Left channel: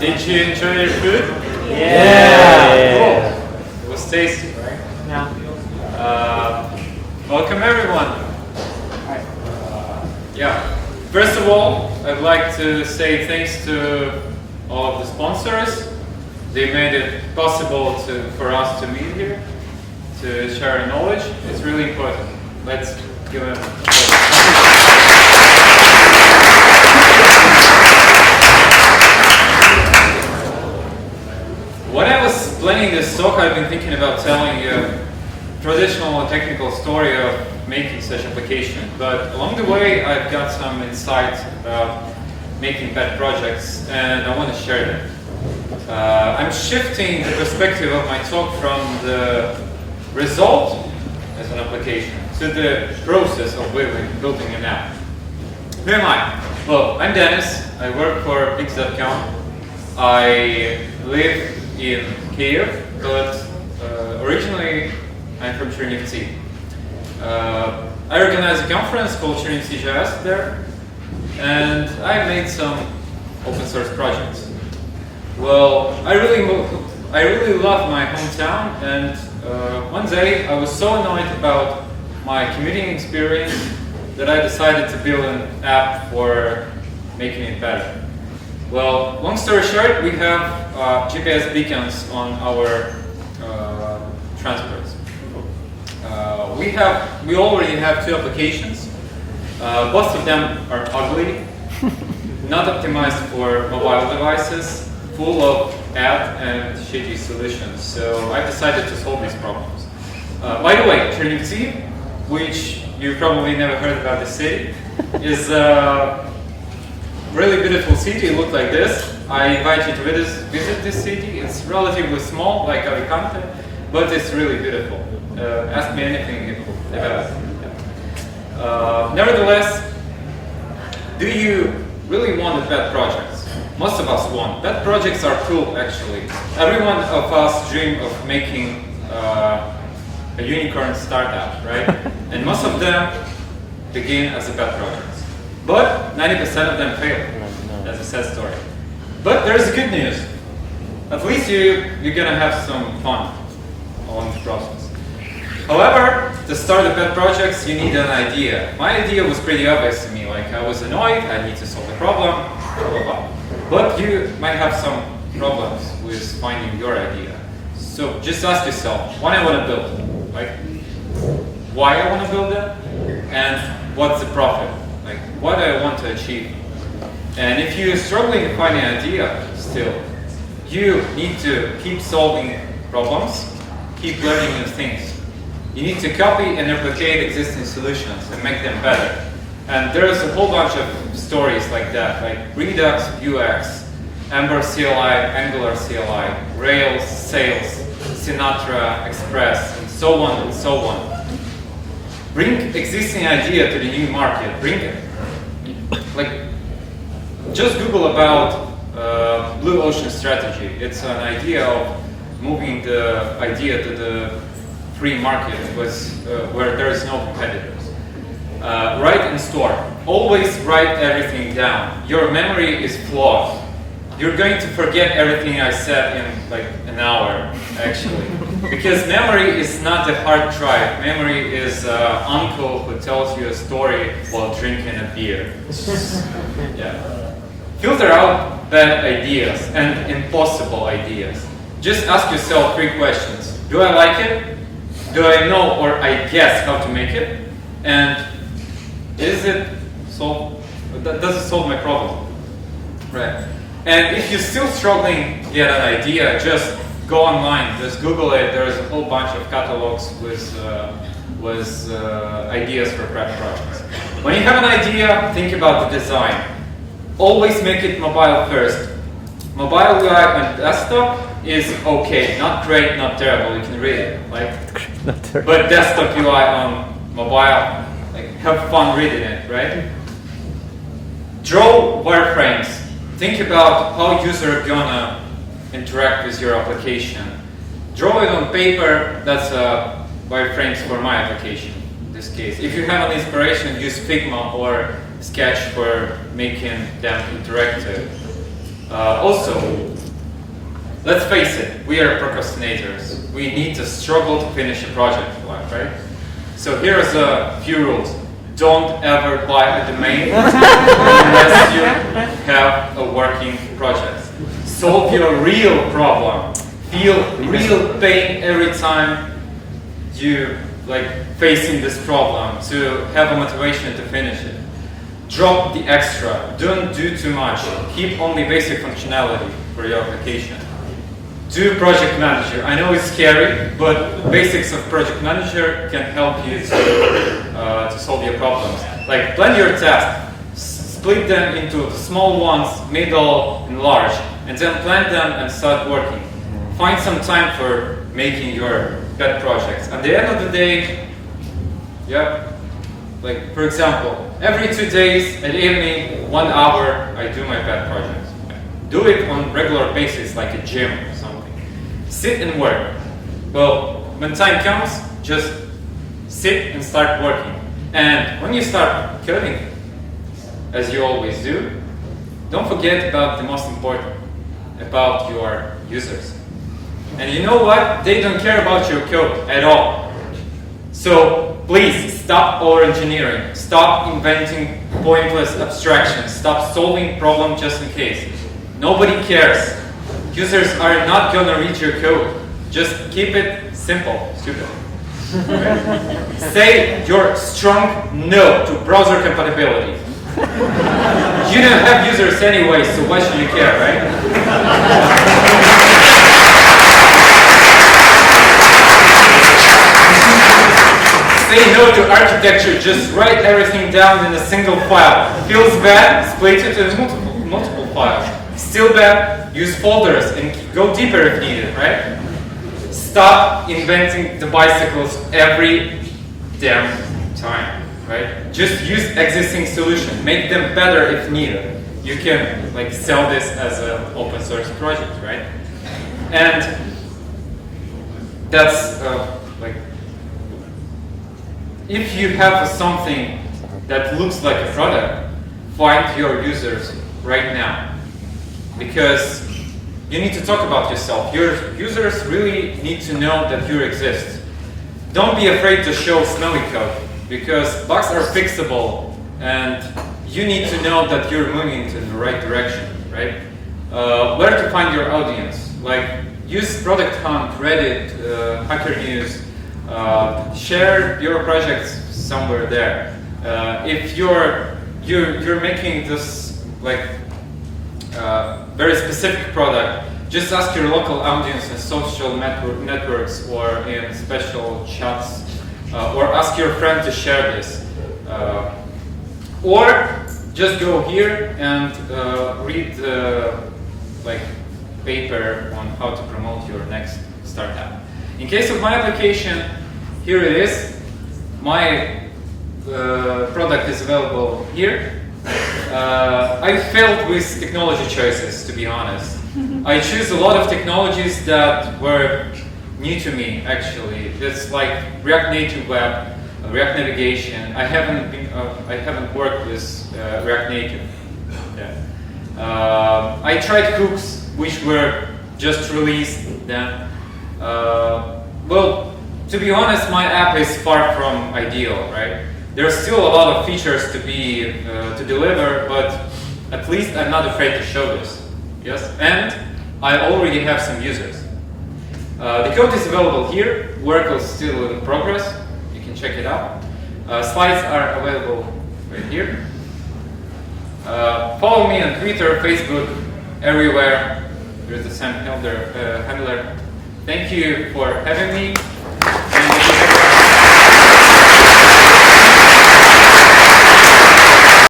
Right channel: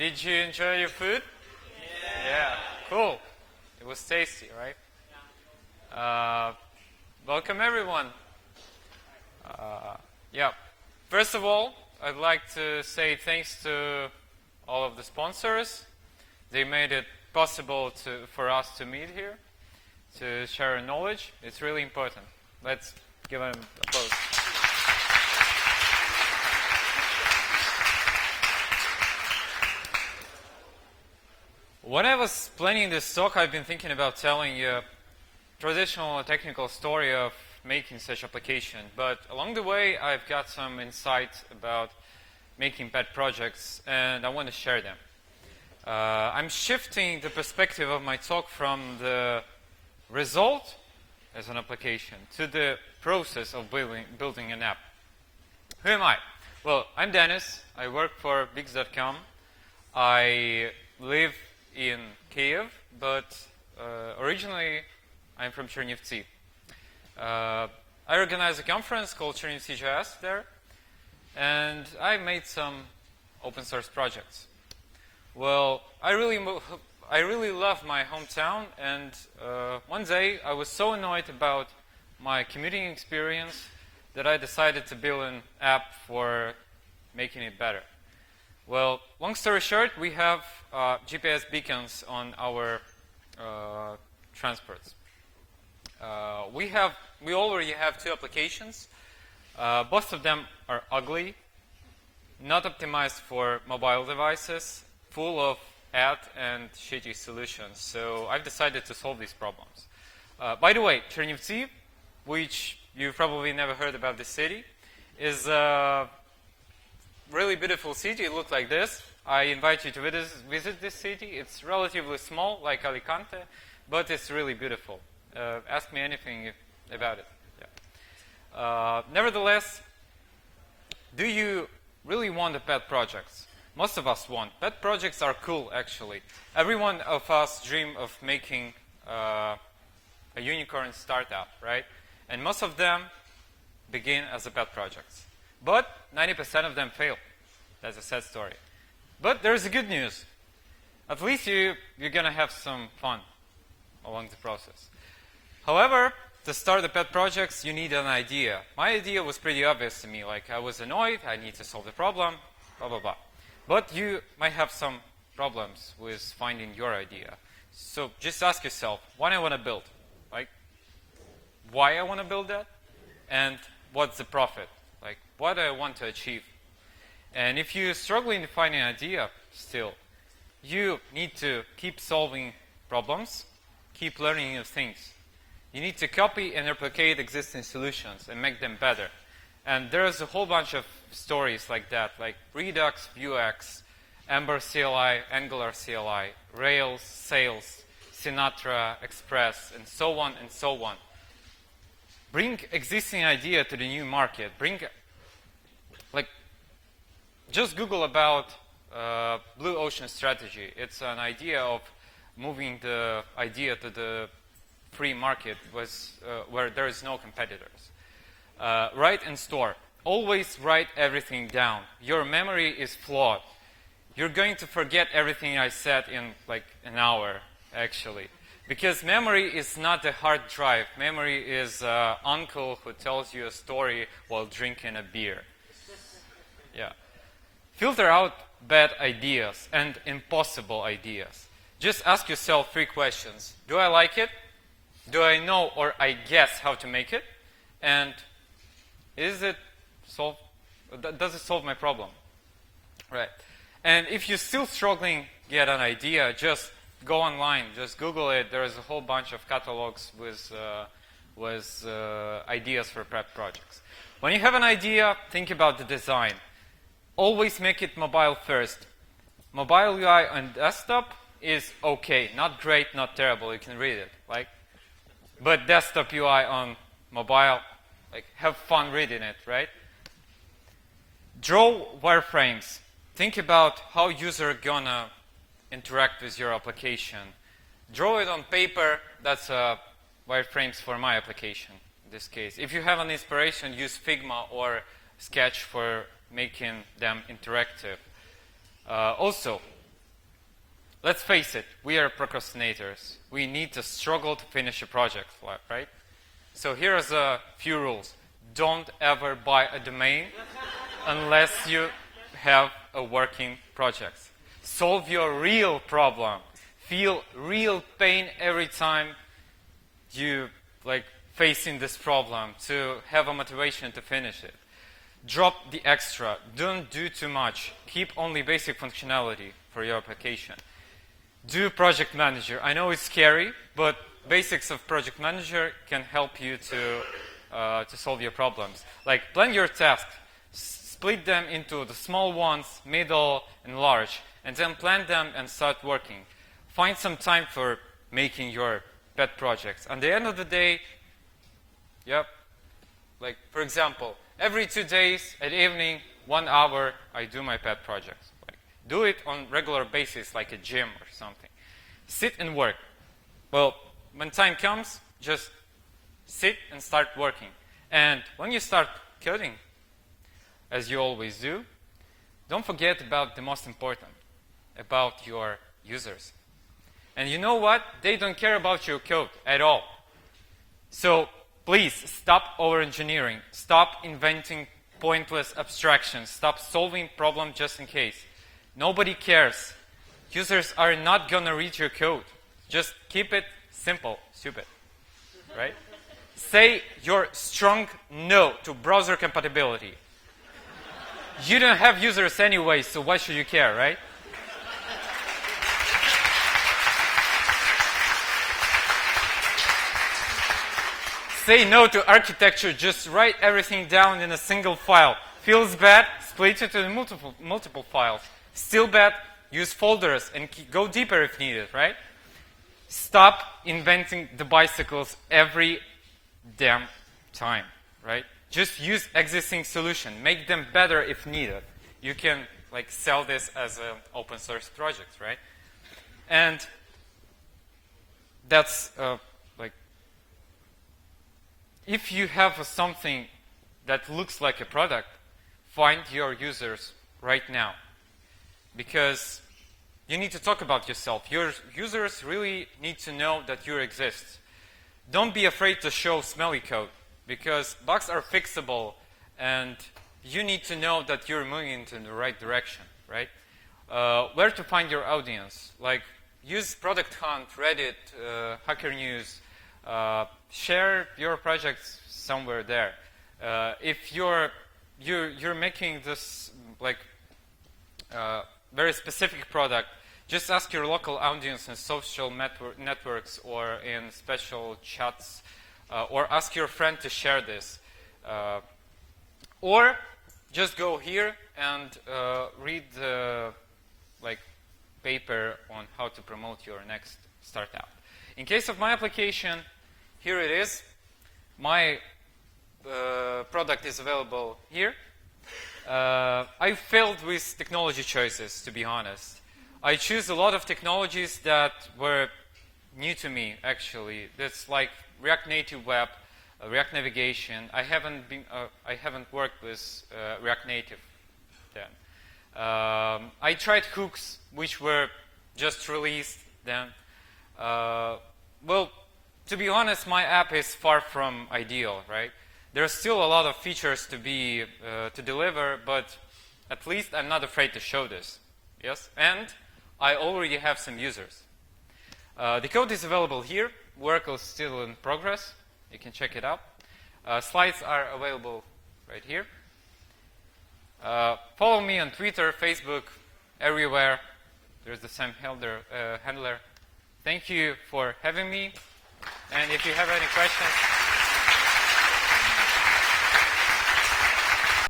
Did you enjoy your food? Yeah. Cool. It was tasty, right? Yeah. Welcome everyone. Yeah. First of all, I'd like to say thanks to all of the sponsors. They made it possible for us to meet here, to share our knowledge. It's really important. Let's give them When I was planning this talk, I've been thinking about telling you a traditional technical story of making such application. But along the way, I've got some insights about making pet projects, and I want to share them. I'm shifting the perspective of my talk from the result as an application to the process of building an app. Who am I? Well, I'm Denis. I work for Pix.com. I live in Kyiv, but originally I'm from Chernivtsi. I organized a conference called Chernivtsi.js there, and I made some open source projects. Well, I really love my hometown, and one day I was so annoyed about my commuting experience that I decided to build an app for making it better. Well, long story short, we have GPS beacons on our transports. We already have two applications. Both of them are ugly, not optimized for mobile devices, full of ad and shitty solutions. So I decided to solve these problems. By the way, Chernivtsi, which you probably never heard about the city, is a really beautiful city. It looks like this. I invite you to visit this city. It's relatively small, like Alicante, but it's really beautiful. Ask me anything about it. Nevertheless, do you really want pet projects? Most of us want. Pet projects are cool, actually. Every one of us dream of making a unicorn startup, right? And most of them begin as a pet projects. But 90% of them fail. That's a sad story. But there's good news. At least you're gonna have some fun along the process. However, to start the pet projects, you need an idea. My idea was pretty obvious to me. Like, I was annoyed, I need to solve the problem, blah, blah, blah. But you might have some problems with finding your idea. So just ask yourself, what I want to build? Like, why I want to build it? And what's the profit? Like, what I want to achieve? And if you're struggling to find an idea still, you need to keep solving problems, keep learning new things. You need to copy and replicate existing solutions and make them better. And there's a whole bunch of stories like that, like Redux UX, Ember CLI, Angular CLI, Rails, Sails, Sinatra, Express, and so on and so on. Bring existing idea to the new market. Bring it. Like, just Google about Blue Ocean strategy. It's an idea of moving the idea to the free market where there is no competitors. Write and store. Always write everything down. Your memory is flawed. You're going to forget everything I said in like an hour, actually. Because memory is not a hard drive. Memory is uncle who tells you a story while drinking a beer. Yeah. Filter out bad ideas and impossible ideas. Just ask yourself 3 questions. Do I like it? Do I know or I guess how to make it? And does it solve my problem? Right. And if you're still struggling to get an idea, just go online, just Google it. There's a whole bunch of catalogs with ideas for pet projects. When you have an idea, think about the design. Always make it mobile first. Mobile UI on desktop is okay, not great, not terrible. You can read it, like. But desktop UI on mobile, like, have fun reading it, right? Draw wireframes. Think about how user gonna interact with your application. Draw it on paper. That's wireframes for my application in this case. If you have an inspiration, use Figma or Sketch for making them interactive. Also, let's face it, we are procrastinators. We need to struggle to finish a project, right? So here's a few rules. Don't ever buy a domain unless you have a working project. Solve your real problem. Feel real pain every time you facing this problem to have a motivation to finish it. Drop the extra. Don't do too much. Keep only basic functionality for your application. Do project manager. I know it's scary, but basics of project manager can help you to solve your problems. Like plan your tasks, split them into small ones, middle, and large, and then plan them and start working. Find some time for making your pet projects. At the end of the day, for example, every 2 days at evening, 1 hour, I do my pet projects. Do it on regular basis, like a gym or something. Sit and work. Well, when time comes, just sit and start working. And when you start coding, as you always do, don't forget about the most important, about your users. And you know what? They don't care about your code at all. So please stop over-engineering. Stop inventing pointless abstractions. Stop solving problems just in case. Nobody cares. Users are not going to read your code. Just keep it simple, stupid. Right? Say your strong no to browser compatibility. You don't have users anyway, so why should you care, right? Say no to architecture, just write everything down in a single file. Feels bad, split it into multiple files. Still bad, use folders and go deeper if needed, right? Stop inventing the bicycles every damn time, right? Just use existing solutions, make them better if needed. You can sell this as an open source project, right? And that's if you have something that looks like a product, find your users right now. Because you need to talk about yourself. Your users really need to know that you exist. Don't be afraid to show smelly code, because bugs are fixable, and you need to know that you're moving in the right direction, right? Where to find your audience. Use Product Hunt, Reddit, Hacker News. Share your projects somewhere there. If you're making this very specific product, just ask your local audience in social networks or in special chats, or ask your friend to share this. Or just go here and read the paper on how to promote your next startup. In case of my application, here it is. My product is available here. I failed with technology choices, to be honest. I choose a lot of technologies that were new to me, actually. It's like React Native Web, React Navigation. I haven't worked with React Native. Yeah. I tried hooks, which were just released then. Well, to be honest, my app is far from ideal, right? There's still a lot of features to deliver, but at least I'm not afraid to show this. Yes, and I already have some users. The code is available here. Work is still in progress. You can check it out. Slides are available right here. Follow me on Twitter, Facebook, everywhere. There's the same handler. Thank you for having me.